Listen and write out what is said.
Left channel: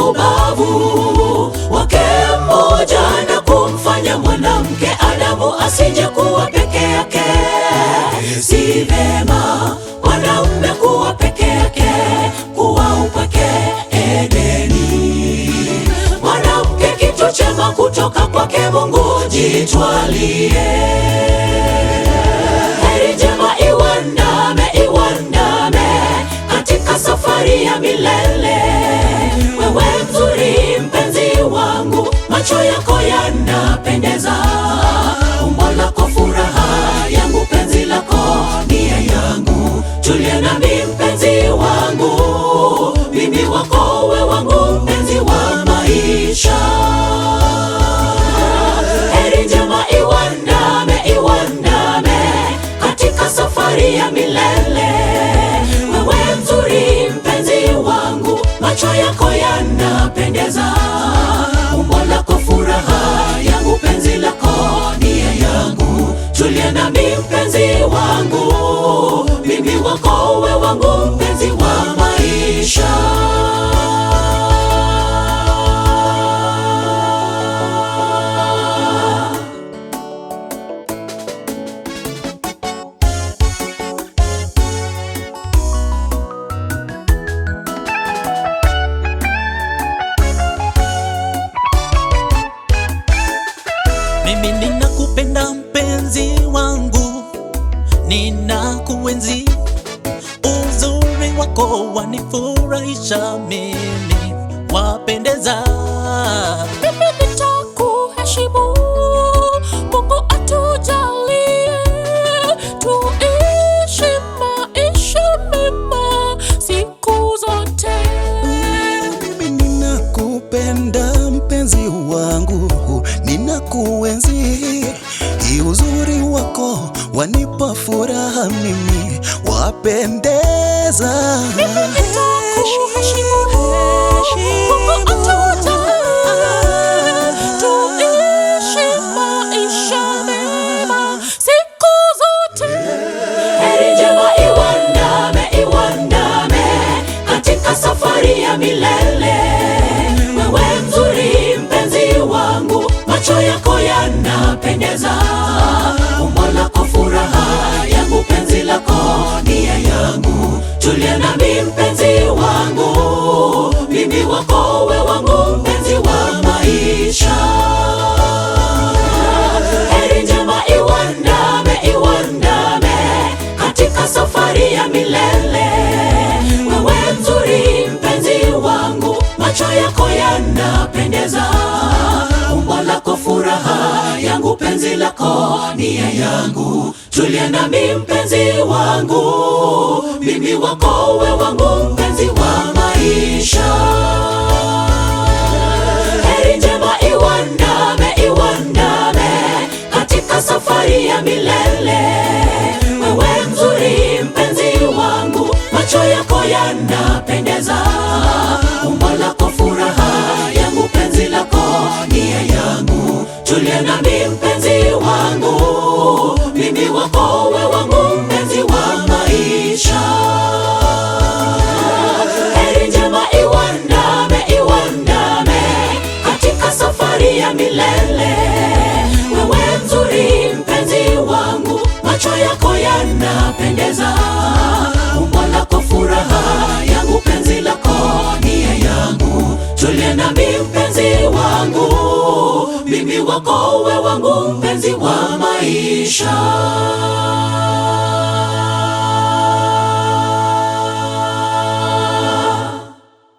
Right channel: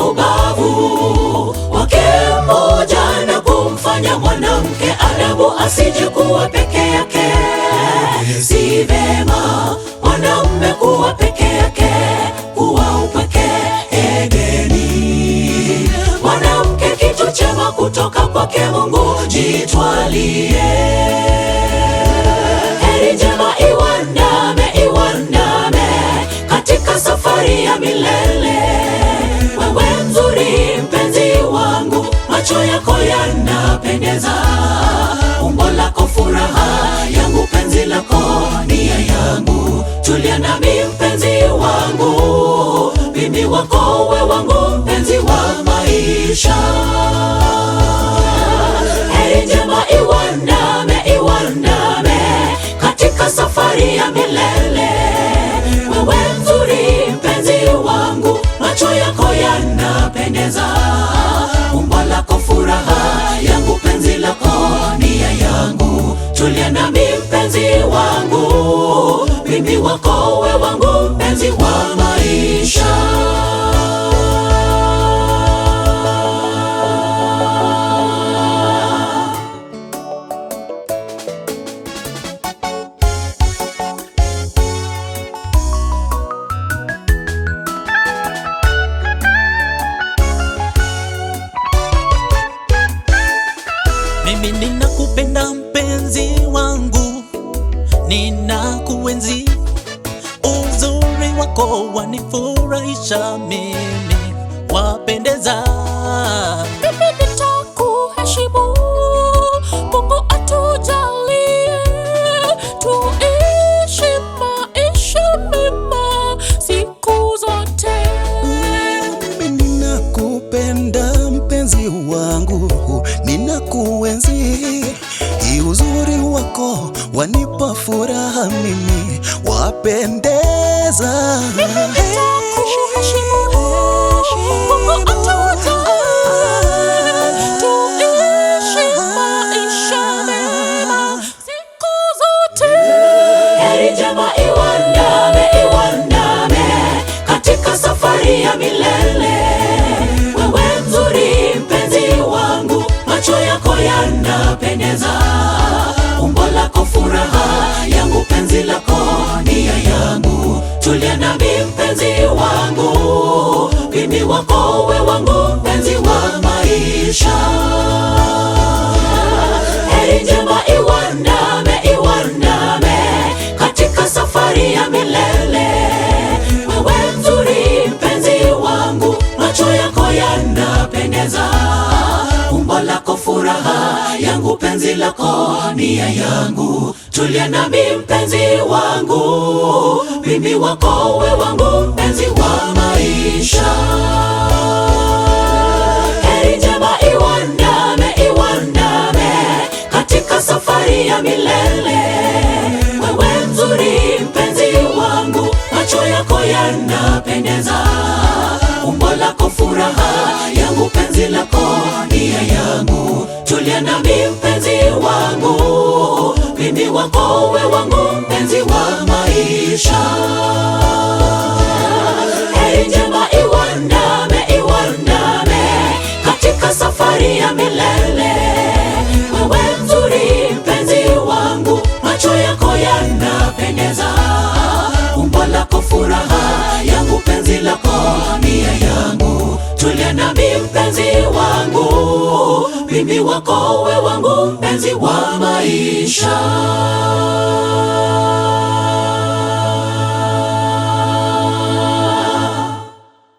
ubavu wake mmoja na kumfanya mwanamke Adamu asije kuwa peke yake. Si vema mwanaume kuwa peke yake, kuwa upweke Edeni. Mwanamke kitu chema kutoka kwake Mungu, jitwalie. Heri njema iwandame, iwandame katika safari ya milele. Wewe mzuri mpenzi wangu, macho yako yanapendeza, umbo lako furaha yangu, penzi lako nia yangu. Tulia nami mpenzi wangu, mimi wako we wangu, mpenzi wa maisha. Heri njema iwandame, iwandame katika safari ya milele. Wewe mzuri mpenzi wangu, macho yako yanapendeza, umbo lako furaha yangu, penzi lako nia yangu. Tulia nami mpenzi wangu, mimi wako we wangu, mpenzi wa maisha. Mimi ninakupenda mpenzi wangu, ninakuenzi, uzuri wako wanifurahisha, mimi wapendeza. Mimi nitakuheshimu, Mungu atujalie, tuishi maisha mema siku zote. Mimi ninakupenda mpenzi wangu, ninakuenzi, uzuri wako wanipa furaha, mimi wapendeza. Mimi nitakuheshimu, Mungu atujalie, tuishi maisha mema siku zote. Heri njema iwandame, iwandame katika safari ya milele. Wewe mzuri mpenzi wangu, macho yako yanapendeza, umbo lako furaha yangu, penzi lako nia yangu. Tulia nami mpenzi wangu, mimi wako we wangu, mpenzi wa maisha. Heri njema iwandame, iwandame katika safari ya milele. Wewe mzuri mpenzi wangu, macho yako yanapendeza, umbo lako furaha yangu, penzi lako nia yangu. Tulia nami mpenzi wangu, mimi wako we wangu, mpenzi wa maisha. Heri njema iwandame, iwandame katika safari ya milele. Wewe mzuri mpenzi wangu, macho yako yanapendeza, umbo lako furaha yangu, penzi lako nia yangu. Tulia nami mpenzi wangu, mimi wako we wangu, mpenzi wa maisha. Heri njema iwandame, iwandame katika safari ya milele. Wewe mzuri mpenzi wangu, macho yako yanapendeza, umbo lako furaha yangu, penzi lako nia yangu. Tulia nami mpenzi wangu, mimi wako we wangu, mpenzi wa maisha.